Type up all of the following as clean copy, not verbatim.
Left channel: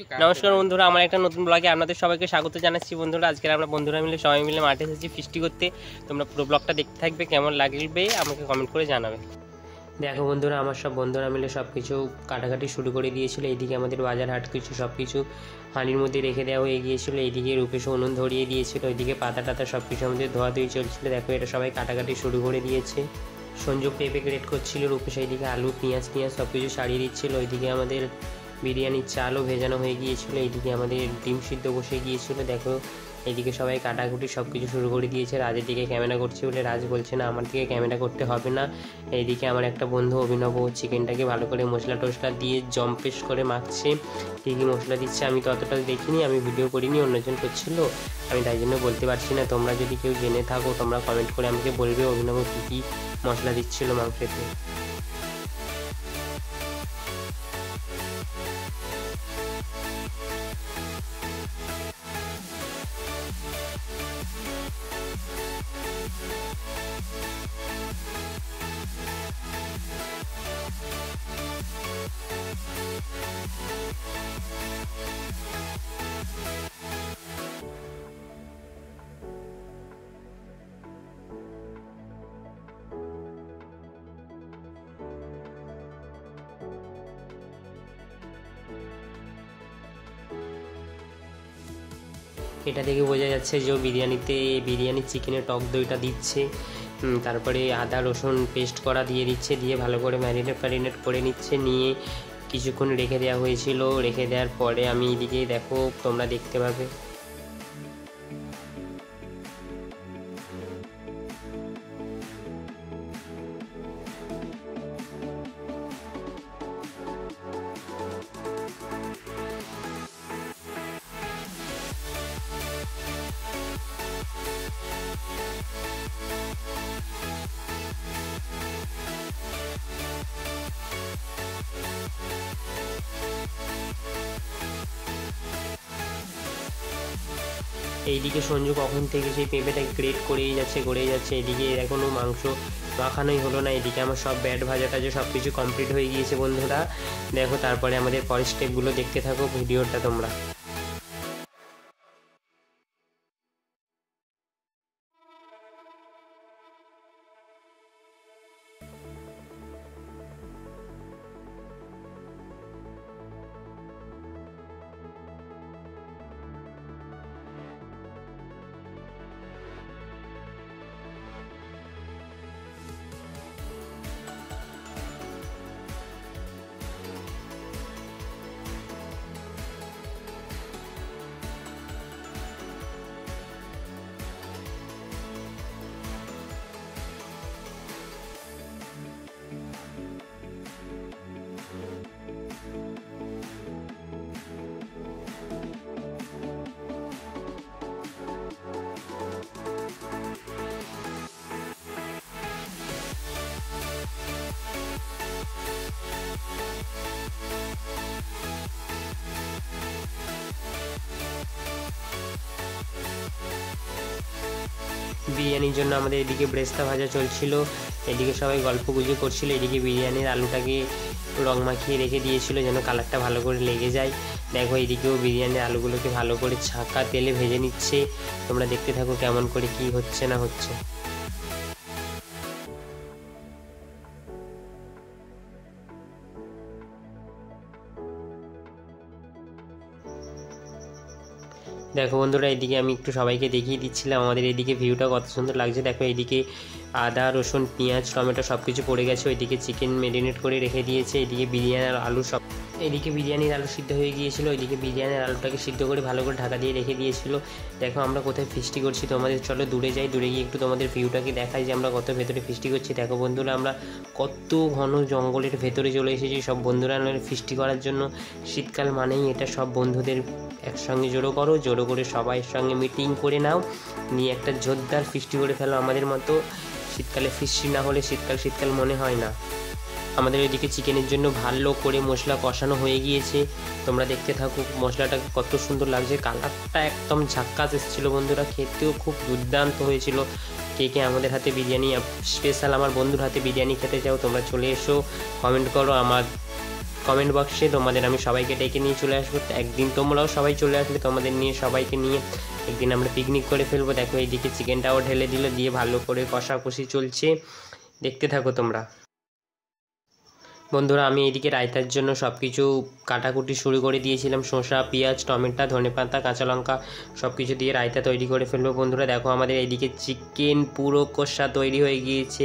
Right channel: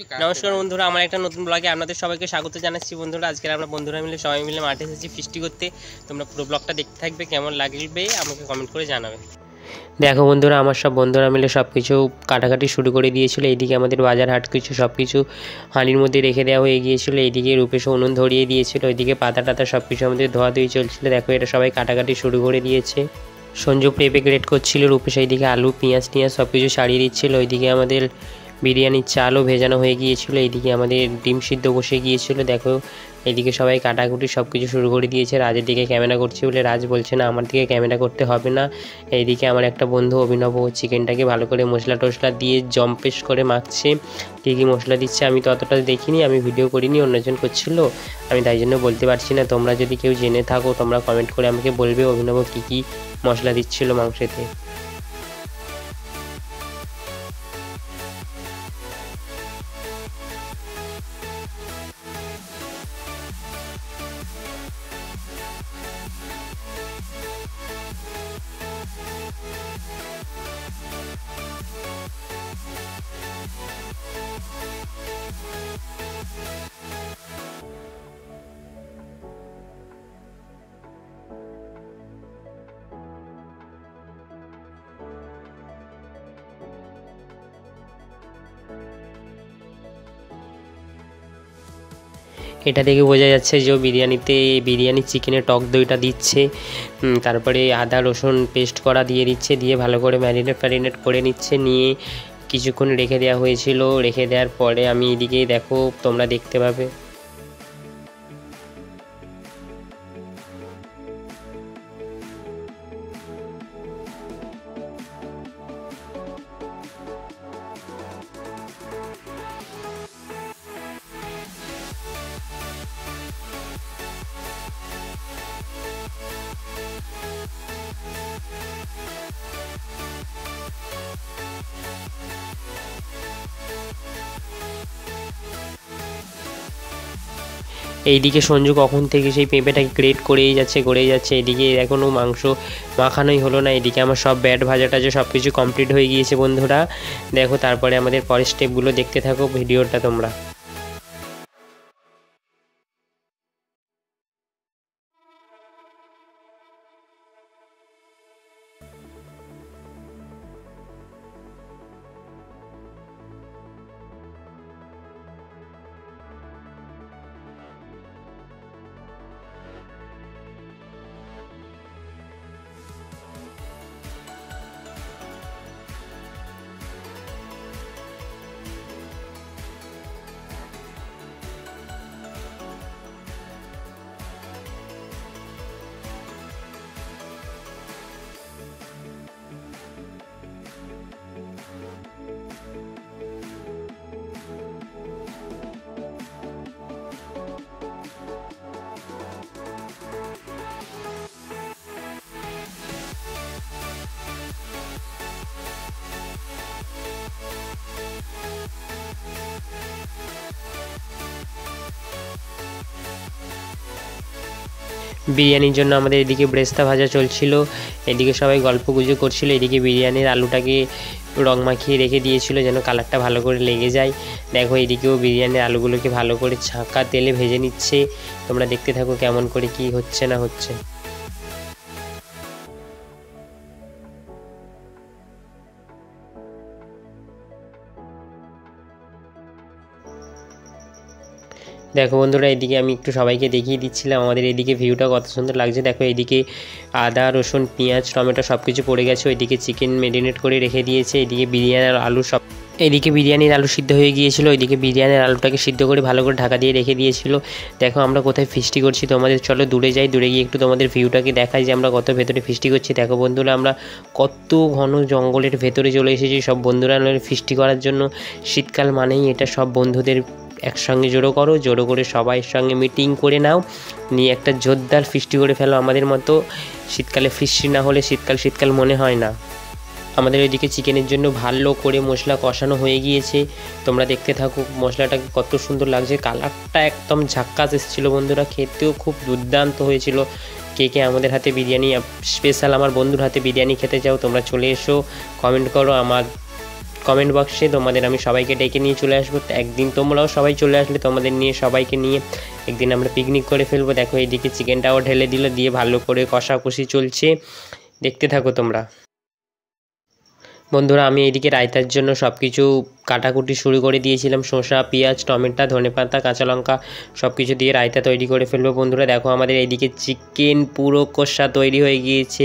নমস্কার বন্ধুরা, আমার একটা নতুন ব্লগে আপনাদের সবাইকে স্বাগত জানাচ্ছি। বন্ধুরা, আজকে আমরা বন্ধুরা মিলে সবাই মিলে মাঠে এসেছি ফিস্টি করতে। তোমরা পুরো ব্লগটা দেখতে থাকবে, কেমন লাগবে আমাকে কমেন্ট করে জানাবে। দেখো বন্ধুরা, আমার সব বন্ধুরা মিলে সব কিছু কাটাকাটি শুরু করে দিয়েছিল। এইদিকে আমাদের বাজার হাট কিছু সব কিছু হাঁড়ির মধ্যে রেখে দেওয়া হয়ে গিয়েছিলো। এইদিকে রূপেশ উনুন ধরিয়ে দিয়েছিল, ওইদিকে পাতা টাতা সব কিছু আমাদের ধোয়াধুয়ি চলছিল। দেখো, এটা সবাই কাটাকাটি শুরু করে দিয়েছে। সঞ্জু পেঁপে গ্রেট করছিল, রূপেশ এইদিকে আলু পেঁয়াজ টিয়াজ সব কিছু সারিয়ে দিচ্ছিল। ওইদিকে আমাদের বিরিয়ানির চালও ভেজানো হয়ে গিয়েছিলো। এইদিকে আমাদের ডিম সিদ্ধ বসে গিয়েছিলো। দেখো, এইদিকে সবাই কাটাকুটি সব কিছু শুরু করে দিয়েছে। রাজের দিকে ক্যামেরা করছে বলে রাজ বলছে না আমার দিকে ক্যামেরা করতে হবে না। এইদিকে আমার একটা বন্ধু অভিনব চিকেনটাকে ভালো করে মশলা টশলা দিয়ে জম্পেশ করে মাখছে। কী কী মশলা দিচ্ছে আমি তো অতটা দেখিনি, আমি ভিডিও করিনি, অন্যজন করছিল, আমি তাই জন্য বলতে পারছি না। তোমরা যদি কেউ জেনে থাকো তোমরা কমেন্ট করে আমাকে বলবে অভিনব কী কী মশলা দিচ্ছিলো মাংসেতে। এটা দেখে বোঝা যাচ্ছে যে বিরিয়ানির চিকেনের টক দইটা দিচ্ছে। তারপরে আদা রসুন পেস্ট করা দিয়ে দিচ্ছে, দিয়ে ভালো করে ম্যারিনেট করে নিচ্ছে। নিয়ে কিছুক্ষণ রেখে দেওয়া হয়েছিল। রেখে দেওয়ার পরে আমি এদিকে দেখো তোমরা দেখতে পাবে। এইদিকে সঞ্জু কখন থেকে সেই পেঁপেটাকে গ্রেট করেই যাচ্ছে। এদিকে এখনও মাংস মাখানোই হলো না। এদিকে আমার সব ব্যাট ভাজা টাজা সব কিছু কমপ্লিট হয়ে গিয়েছে বন্ধুরা। দেখো, তারপরে আমাদের পরের স্টেপগুলো দেখতে থাকো ভিডিওটা তোমরা। বিরিয়ানির জন্য আমাদের এদিকে ব্রেস্তা ভাজা চলছিল, এদিকে সবাই গল্পগুজব করছিল। এদিকে বিরিয়ানির আলুটাকে রং মাখিয়ে রেখে দিয়েছিল যেন কালারটা ভালো করে লেগে যায়। দেখো, এদিকেও বিরিয়ানির আলুগুলোকে ভালো করে ছাঁকা তেলে ভেজে নিচ্ছে। তোমরা দেখতে থাকো কেমন করে কি হচ্ছে না হচ্ছে। দেখো বন্ধুরা, এদিকে আমি একটু সবাইকে দেখিয়ে দিচ্ছিলাম আমাদের এদিকে ভিউটা কত সুন্দর লাগছে। দেখো, এদিকে আদা রসুন পেঁয়াজ টমেটো সব কিছু পড়ে গেছে। ওইদিকে চিকেন ম্যারিনেট করে রেখে দিয়েছে। এদিকে বিরিয়ানির আলু এদিকে বিরিয়ানির আলু সিদ্ধ হয়ে গিয়েছিল। ওইদিকে বিরিয়ানির আলুটাকে সিদ্ধ করে ভালো করে ঢাকা দিয়ে রেখে দিয়েছিল। দেখো, আমরা কোথায় ফিস্টি করছি তোমাদের চলো দূরে যাই, দূরে গিয়ে একটু তোমাদের ভিউটাকে দেখাই যে আমরা কত ভেতরে ফিস্টি করছি। দেখো বন্ধুরা, আমরা কত ঘন জঙ্গলের ভেতরে চলে এসেছি সব বন্ধুরা ফিস্টি করার জন্য। শীতকাল মানেই এটা সব বন্ধুদের একসঙ্গে জড়ো করে সবাই সঙ্গে মিটিং করে নাও, নিয়ে একটা জোরদার ফিস্টি করে ফেলো আমাদের মতো। শীতকালে ফিস্টি না হলে শীতকাল মনে হয় না। আমাদের ওইদিকে চিকেনের জন্য ভালো করে মশলা কষানো হয়ে গিয়েছে। তোমরা দেখতে থাকো মশলাটাকে কত সুন্দর লাগছে, কালারটা একদম ঝাক্কাস এসেছিলো বন্ধুরা, খেতেও খুব দুর্দান্ত হয়েছিল। কে কে আমাদের হাতে বিরিয়ানি স্পেশাল আমার বন্ধুর হাতে বিরিয়ানি খেতে চাও তোমরা চলে এসো, কমেন্ট করো। আমার কমেন্ট বক্সে, তোমাদের আমি সবাইকে ডেকে নিয়ে চলে আসবো। একদিন তোমরাও সবাই চলে আসলে তোমাদের নিয়ে সবাইকে নিয়ে একদিন আমরা পিকনিক করে ফেলবো। দেখো এইদিকে চিকেনটাও ঢেলে দিল, দিয়ে ভালো করে কষাকষি চলছে, দেখতে থাকো তোমরা। বন্ধুরা আমি এইদিকে রায়তার জন্য সব কিছু কাটাকুটি শুরু করে দিয়েছিলাম, শসা, পেঁয়াজ, টমেটো, ধনেপাতা, কাঁচা লঙ্কা সব কিছু দিয়ে রায়তা তৈরি করে ফেলবো। বন্ধুরা দেখো আমাদের এইদিকে চিকেন পুরো কষা তৈরি হয়ে গিয়েছে,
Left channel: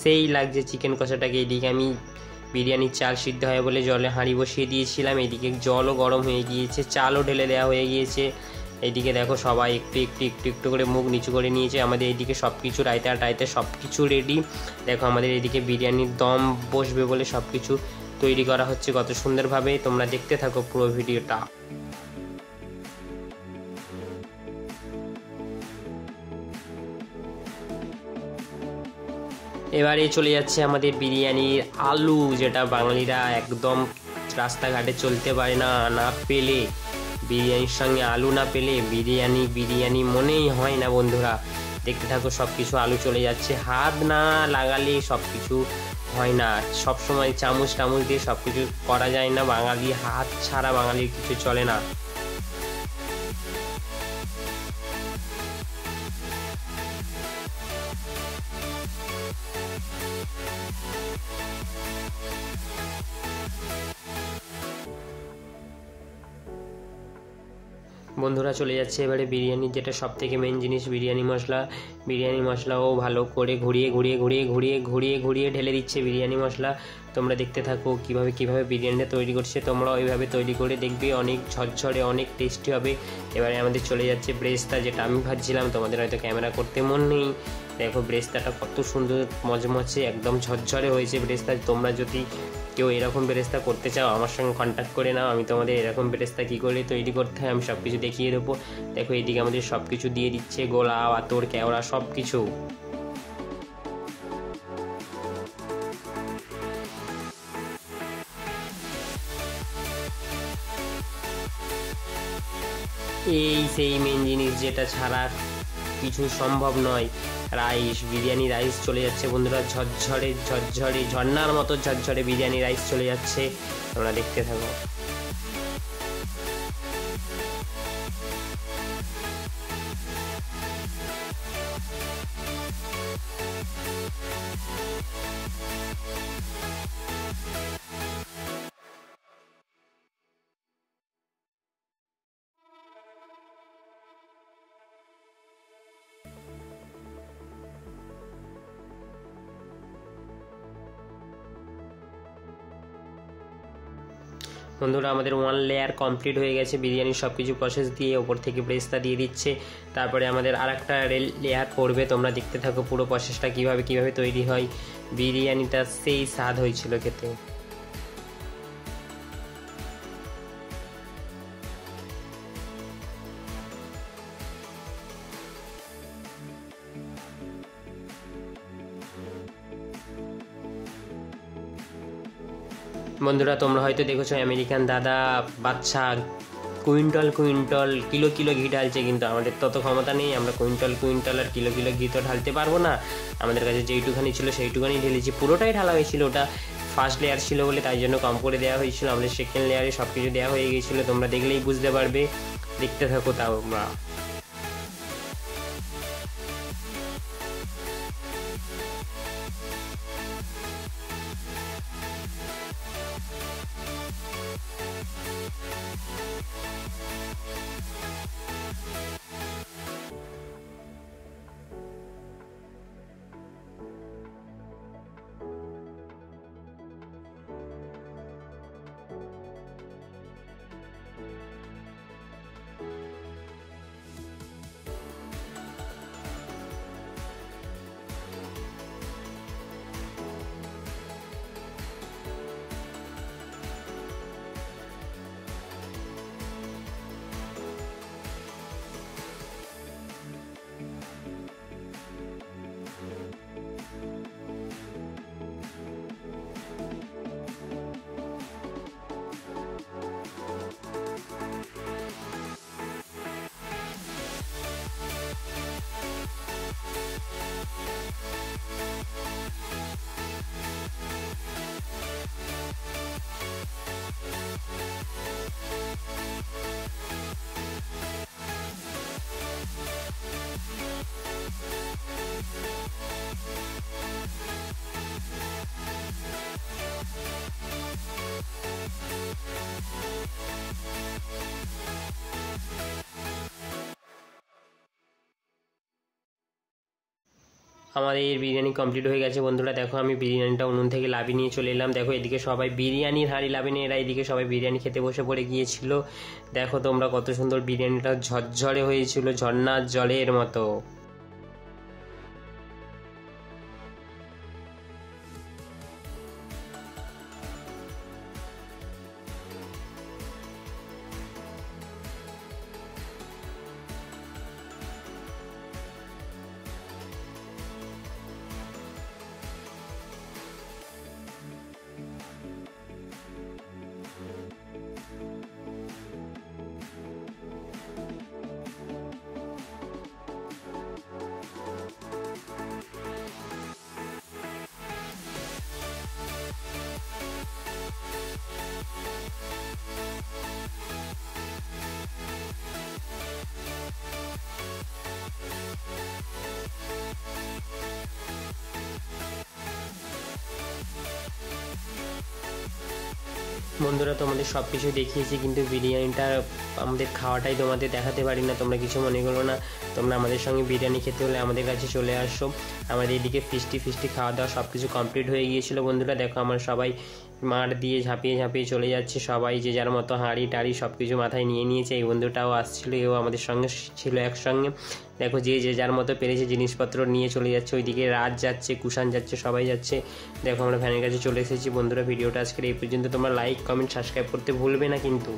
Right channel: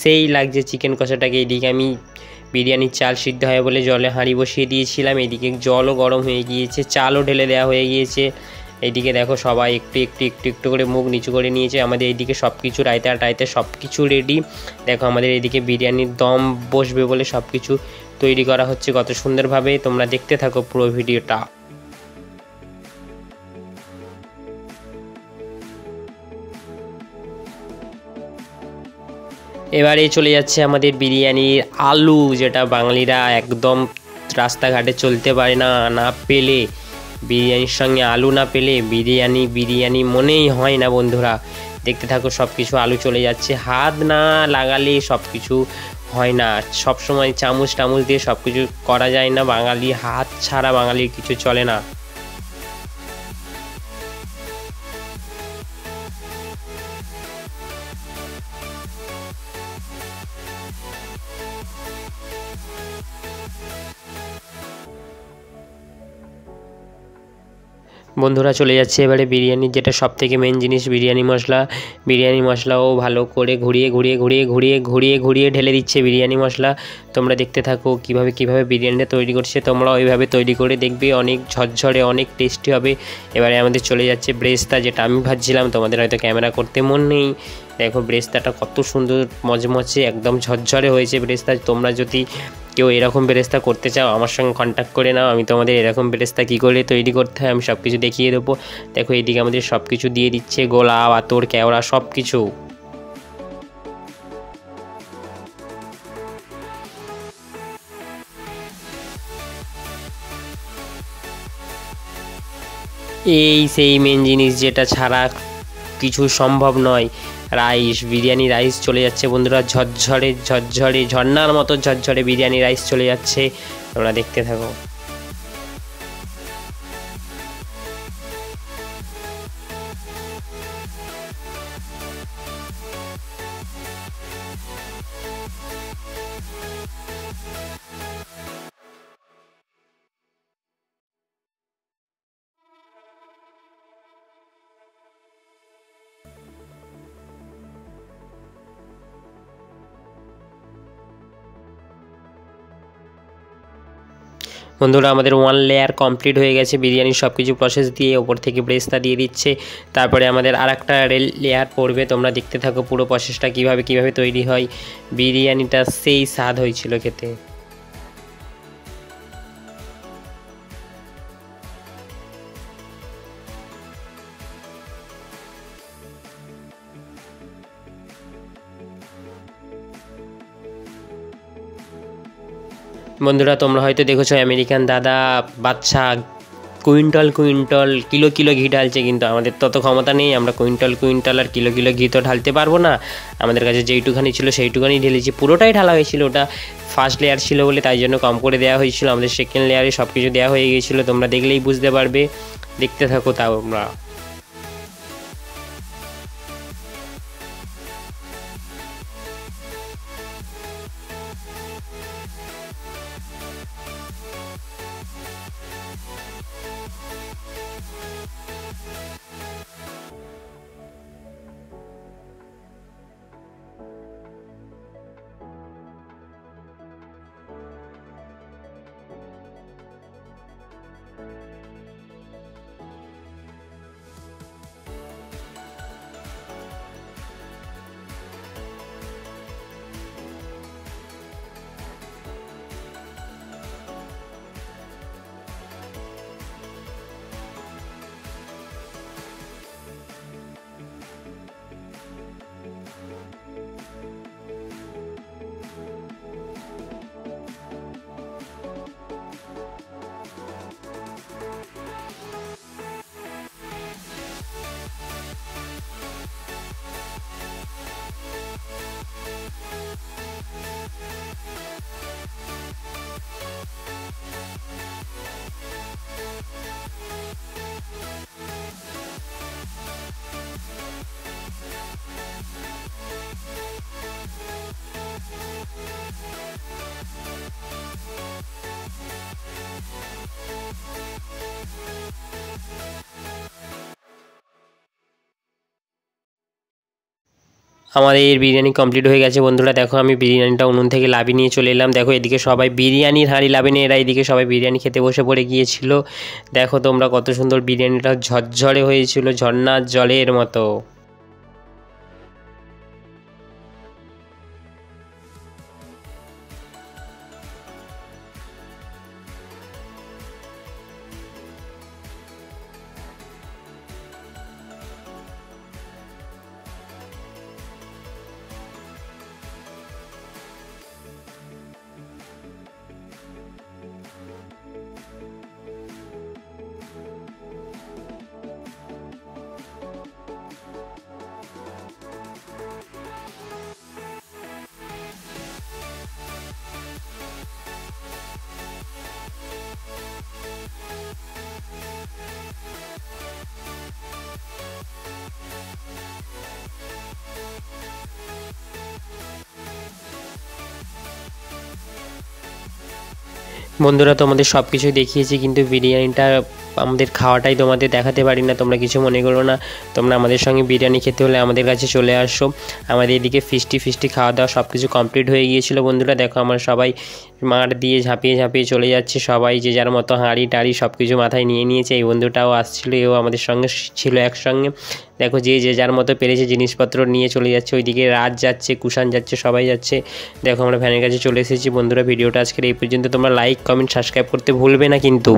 সেই লাগছে চিকেন কষাটাকে। এইদিকে আমি বিরিয়ানির চাল সিদ্ধ হয় বলে জলে হাঁড়ি বসিয়ে দিয়েছিলাম, এইদিকে জলও গরম হয়ে গিয়েছে, চালও ঢেলে দেওয়া হয়ে গিয়েছে। এইদিকে দেখো সবাই একটু একটু একটু একটু করে মুখ নিচু করে নিয়েছে। আমাদের এইদিকে সব কিছু রায়তা টায়তা সব কিছু রেডি। দেখো আমাদের এইদিকে বিরিয়ানির দম বসবে বলে সব কিছু তৈরি করা হচ্ছে কত সুন্দরভাবে, তোমরা দেখতে থাকো পুরো ভিডিওটা। এবারে চলে যাচ্ছে আমাদের বিরিয়ানির আলু, যেটা বাঙালিরা একদম রাস্তাঘাটে চলতে পারে না, না পেলে বিরিয়ানির সঙ্গে আলু না পেলে বিরিয়ানি বিরিয়ানি মনেই হয় না। বন্ধুরা দেখতে থাকো সব কিছু আলু চলে যাচ্ছে, হাত না লাগালে সব কিছু হয় না, সব সময় চামচ টামচ দিয়ে সব কিছু করা যায় না, বাঙালি হাত ছাড়া বাঙালির কিছু চলে না। বন্ধুরা চলে যাচ্ছে এবারে বিরিয়ানির যেটা সব থেকে মেন জিনিস, বিরিয়ানি মশলা। বিরিয়ানি মশলাও ভালো করে ঘুরিয়ে ঘুরিয়ে ঘুরিয়ে ঘুরিয়ে ঘুরিয়ে ঘুরিয়ে ঢেলে দিচ্ছে বিরিয়ানি মশলা। তোমরা দেখতে থাকো কীভাবে বিরিয়ানিটা তৈরি করছে, তোমরা ওইভাবে তৈরি করে দেখবে, অনেক ঝরঝরে অনেক টেস্টি হবে। এবারে আমাদের চলে যাচ্ছে ব্রেস্তা, যেটা আমি ভাজছিলাম, তোমাদের হয়তো ক্যামেরা করতে মন নেই। দেখো ব্রেস্তাটা কত সুন্দর মচমচে একদম ঝরঝরে হয়েছে ব্রেস্তা। তোমরা যদি কেউ এরকম বেরেস্তা করতে চাও আমার সঙ্গে কন্ট্যাক্ট করে নাও, আমি তোমাদের এরকম বেরেস্তা কী করে তৈরি করতে হয় আমি সব কিছু দেখিয়ে দেবো। দেখো এইদিকে আমাদের সব কিছু দিয়ে দিচ্ছে, গোলা আতর কেওড়া সব কিছু। এই সেই মেন জিনিস যেটা ছাড়া কিছু সম্ভব নয়, রাইস। বিরিয়ানি রাইস চলে যাচ্ছে বন্ধুরা, ঝরঝরে ঝরঝরে ঝর্নার মতো ঝরঝরে বিরিয়ানি রাইস চলে যাচ্ছে, তোমরা দেখতে থাকো। বন্ধুরা আমাদের ওয়ান লেয়ার কমপ্লিট হয়ে গেছে বিরিয়ানির সব কিছু প্রসেস দিয়ে, ওপর থেকে ব্রেস্তা দিয়ে দিচ্ছে, তারপরে আমাদের আরেকটা লেয়ার পড়বে। তোমরা দেখতে থাকো পুরো প্রসেসটা কীভাবে তৈরি হয়। বিরিয়ানিটা সেই স্বাদ হয়েছিল খেতে। বন্ধুরা তোমরা হয়তো দেখেছো আমেরিকান দাদা বাচ্চা কুইন্টাল কুইন্টাল কিলো কিলো ঘি ঢালছে, কিন্তু আমাদের তত ক্ষমতা নেই, আমরা কুইন্টাল কুইন্টাল আর কিলো কিলো ঘি তো ঢালতে পারবো না। আমাদের কাছে যেইটুখানি ছিল সেইটুখানি ঢেলেছি, পুরোটাই ঢালা হয়েছিল, ওটা ফার্স্ট লেয়ার ছিল বলে তাই জন্য কম করে দেওয়া হয়েছিল। আমাদের সেকেন্ড লেয়ারে সব কিছু দেওয়া হয়ে গিয়েছিলো, তোমরা দেখলেই বুঝতে পারবে, দেখতে থাকো তাও আমরা। আমাদের বিরিয়ানি কমপ্লিট হয়ে গেছে বন্ধুরা। দেখো আমি বিরিয়ানিটা উনুন থেকে লাভিয়ে নিয়ে চলে এলাম। দেখো এদিকে সবাই বিরিয়ানির হাঁড়ি লাভিয়ে নিয়ে এরা এদিকে সবাই বিরিয়ানি খেতে বসে পড়ে গিয়েছিল। দেখো তোমরা কত সুন্দর বিরিয়ানিটা ঝরঝরে হয়েছিল, ঝর্ণার জলের মতো। বন্ধুরা তোমাদের সব কিছুই দেখিয়েছি, কিন্তু বিরিয়ানিটা আমাদের খাওয়াটাই তোমাদের দেখাতে পারি না, তোমরা কিছু মনে করো না। তোমরা আমাদের সঙ্গে বিরিয়ানি খেতে হলে আমাদের কাছে চলে আসো। আমাদের এদিকে ফিস্টি খাওয়া দাওয়া সব কিছু কমপ্লিট হয়ে গিয়েছিলো বন্ধুরা। দেখো আমরা সবাই মাঠ দিয়ে ঝাঁপিয়ে ঝাঁপিয়ে চলে যাচ্ছে, সবাই যে যার মতো হাঁড়ি টাড়ি সব কিছু মাথায় নিয়ে নিয়েছে। এই বন্ধুটাও আসছিলো, এও আমাদের সঙ্গে ছিল একসঙ্গে। দেখো যে যার মতো পেরেছে জিনিসপত্র নিয়ে চলে যাচ্ছে। ওইদিকে রাজ যাচ্ছে, কুষাণ যাচ্ছে, সবাই যাচ্ছে। দেখো আমরা ভ্যানের কাছে চলে এসেছি বন্ধুরা। ভিডিওটা আজকের এই পর্যন্ত। তোমরা লাইক কমেন্ট সাবস্ক্রাইব করতে ভুলবে না কিন্তু।